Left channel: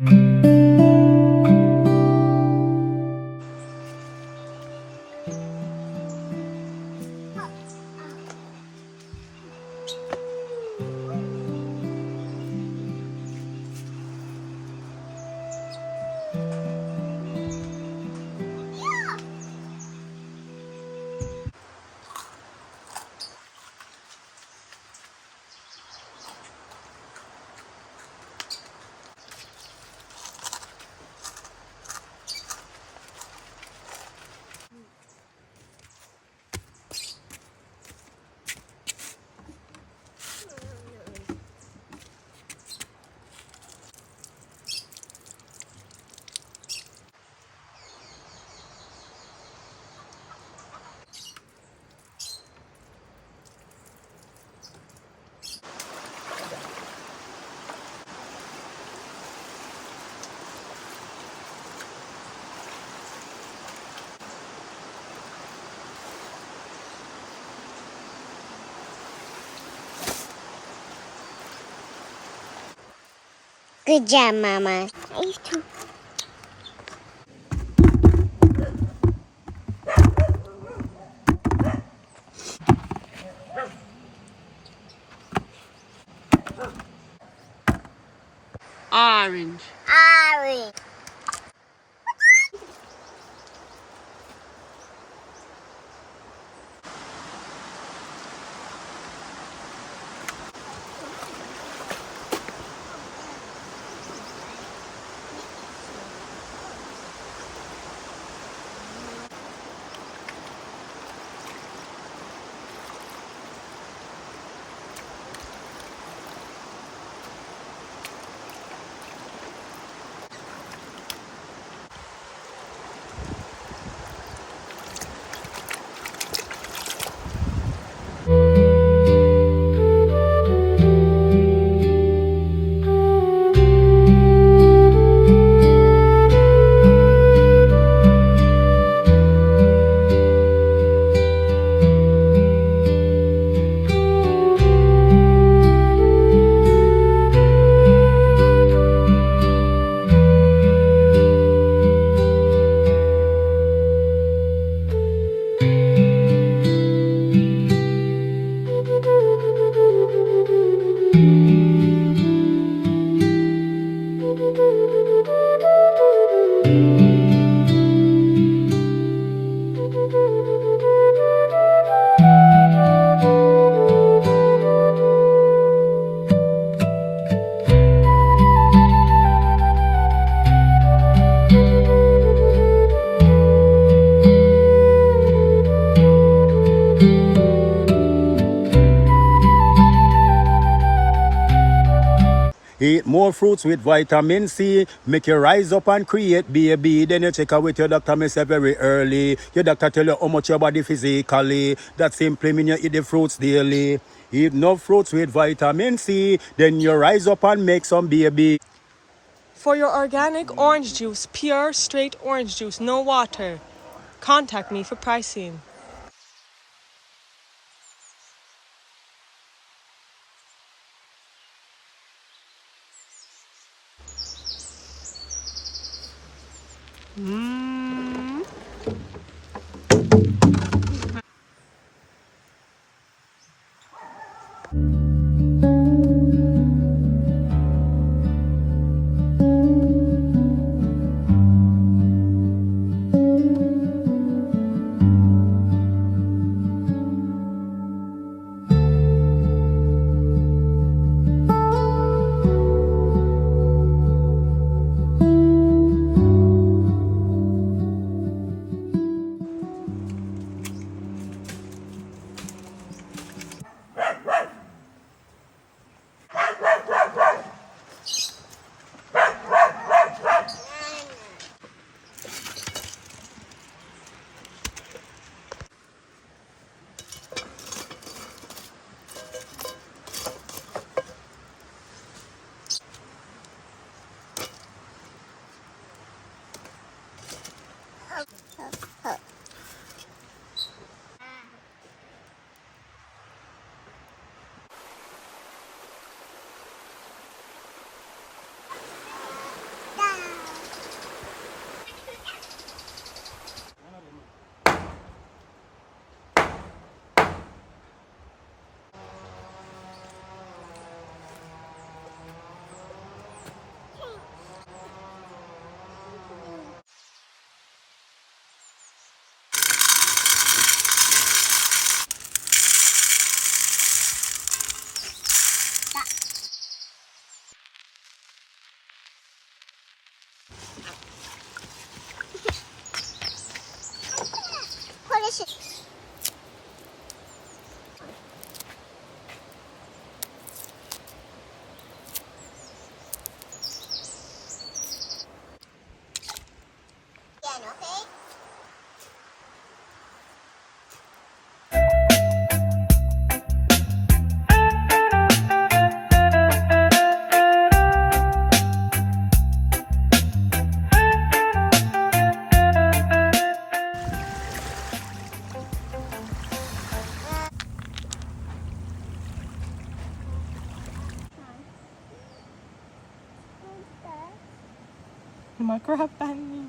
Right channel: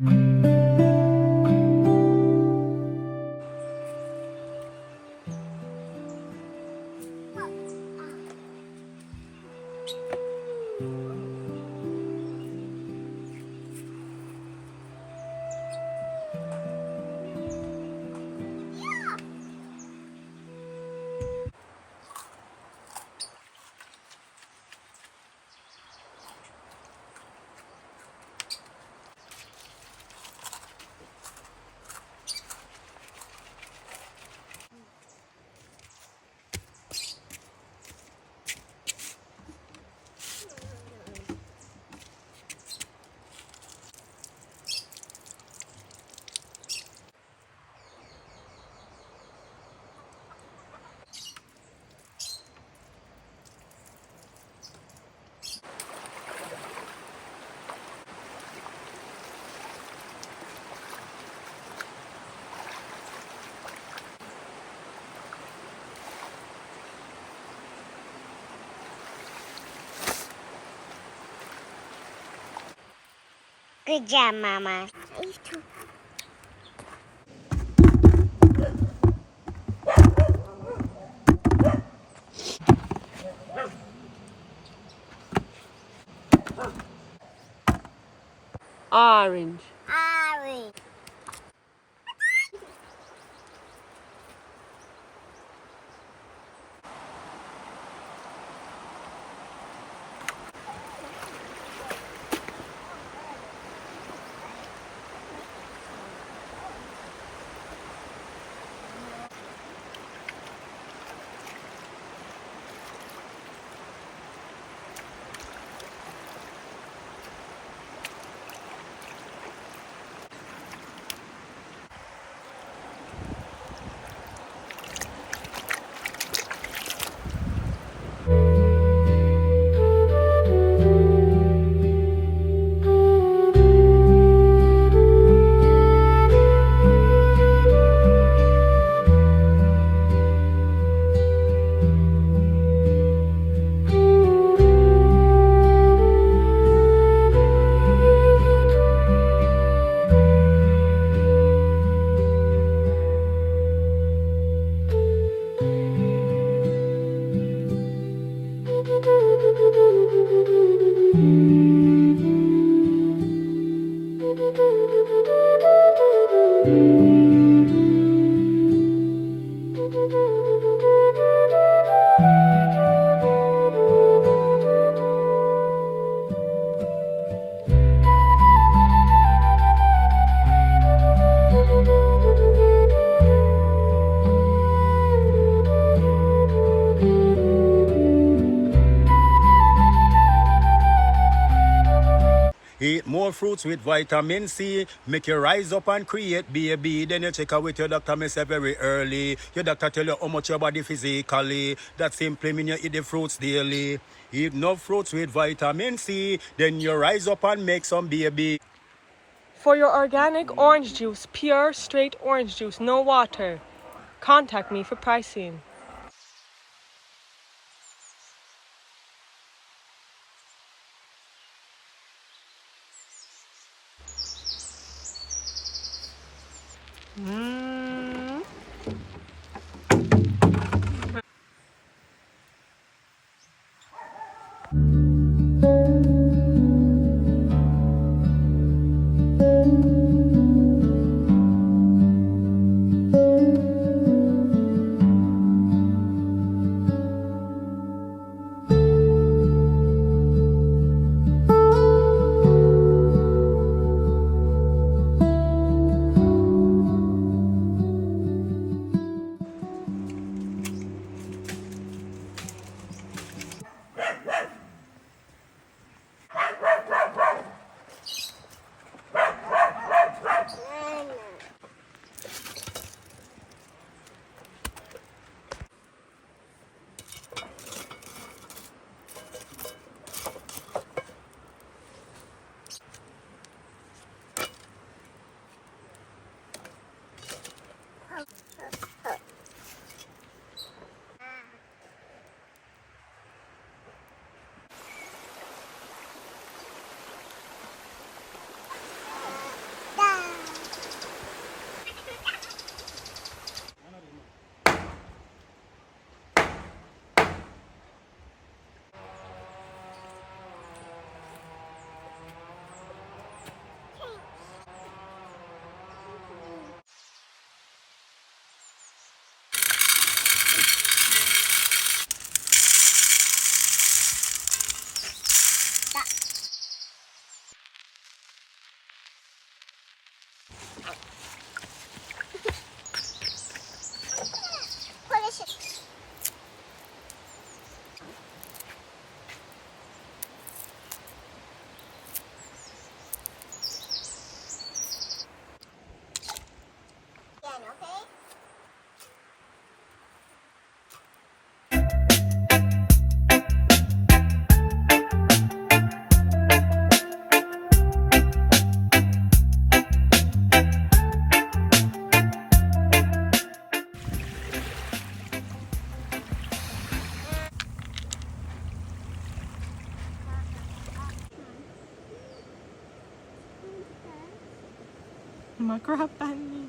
Good job, Mama. Orange. Orange. Eat more fruits with vitamin C. Make you rise up and create baby. Then you check out with your doctor, myself, very early. Your doctor tell you how much your body physically. That simply mean you eat the fruits daily. Eat no fruits with vitamin C. Then you rise up and make some baby. For your organic orange juice, pure, straight orange juice, no water, contact me for pricing. มาครับปันนี่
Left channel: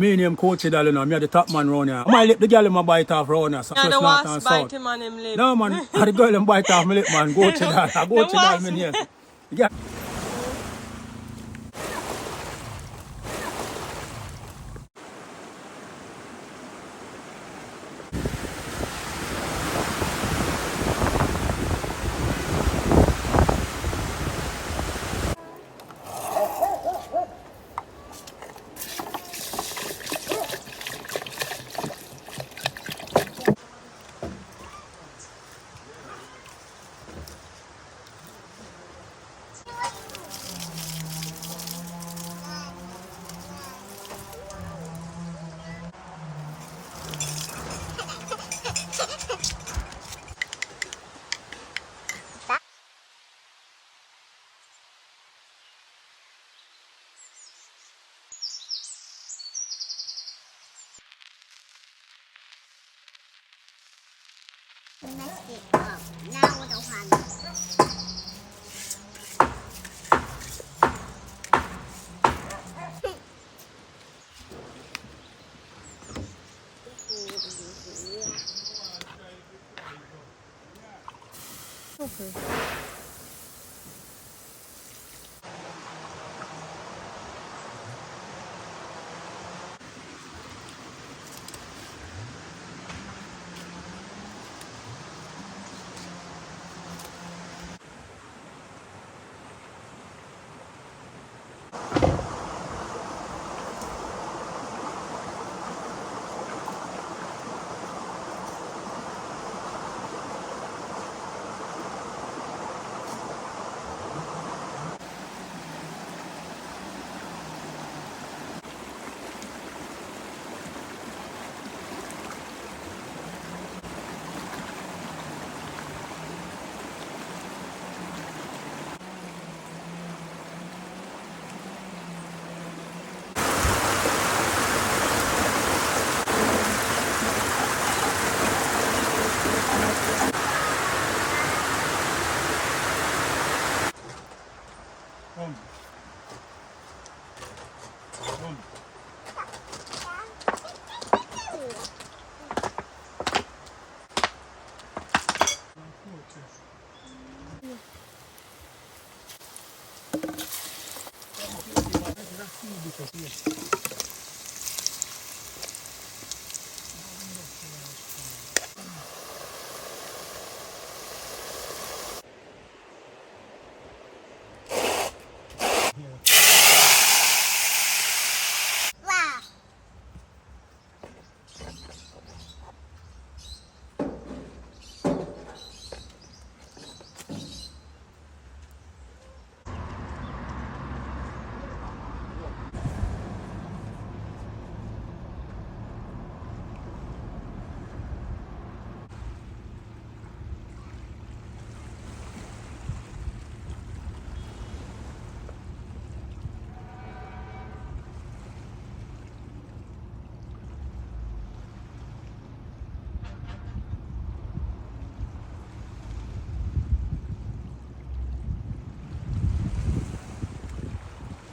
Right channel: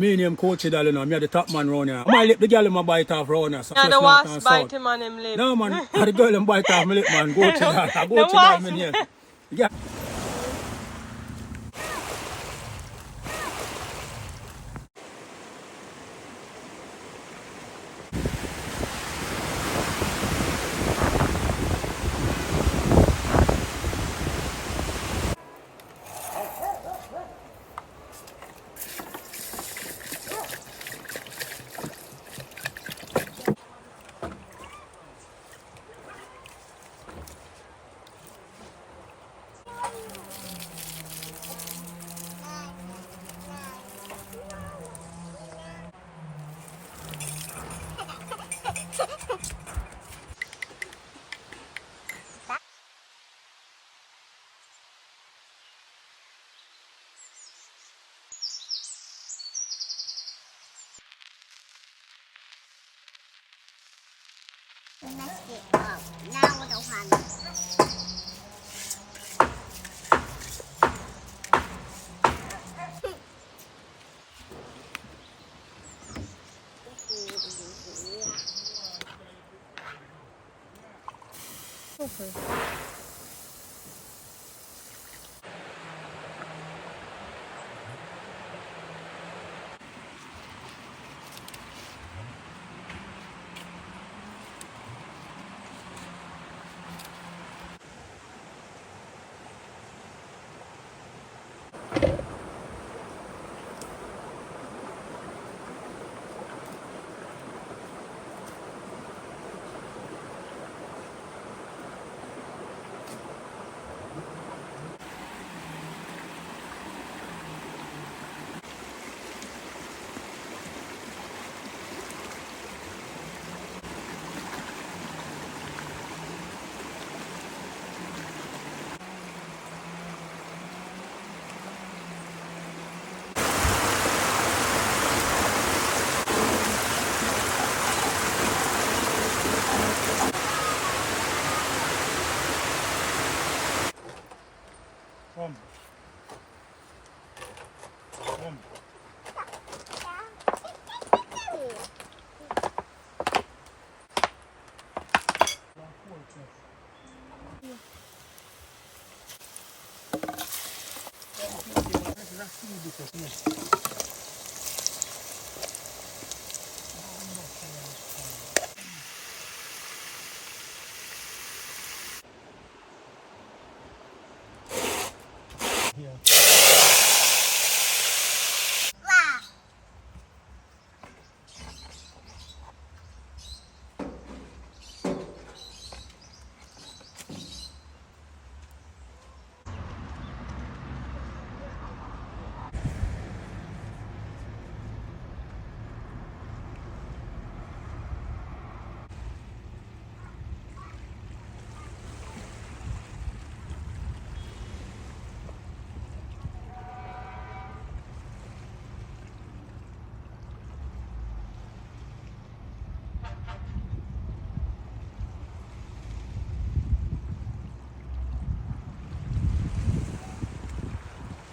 Me name Coach Dal, me are the top man round here. My lip, the girl in my bite off round here. So Yeah, first the north and wasp south. bite him on him lip. No man, the girl in bite off my lip man. Coach Dal, I go to Dal me here. Yeah. Mess it up. Now with the one. Okay. Wow.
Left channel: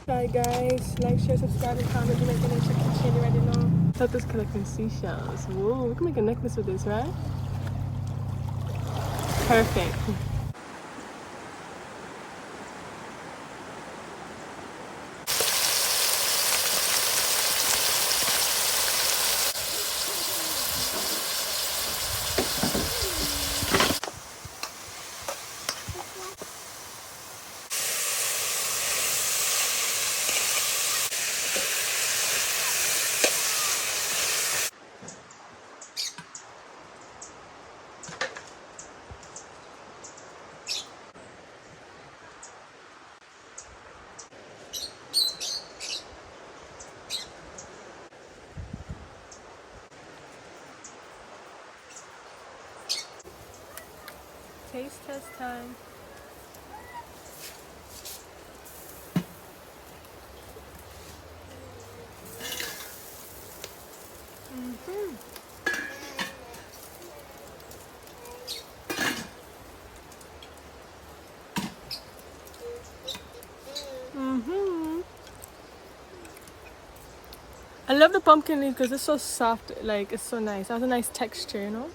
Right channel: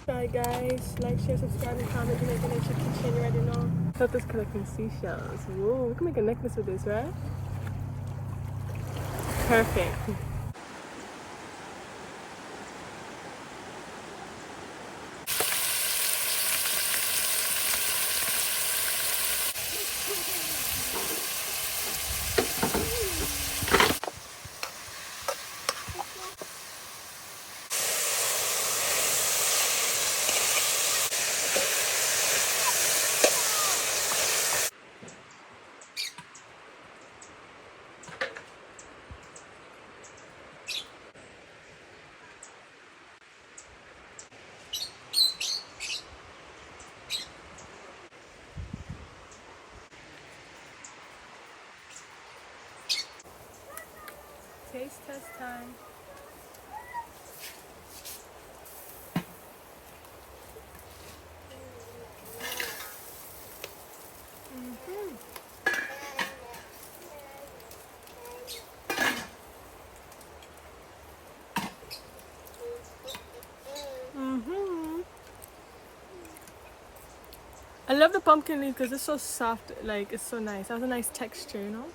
Bye guys. Like, share, subscribe, and comment. Jamaica Nature Kitchen. You already know. Thought this collecting seashells. Whoa, we can make a necklace with this, right? Perfect. Taste test time. I love the pumpkin leaf because it's so soft, like it's so nice. It has a nice texture, you know?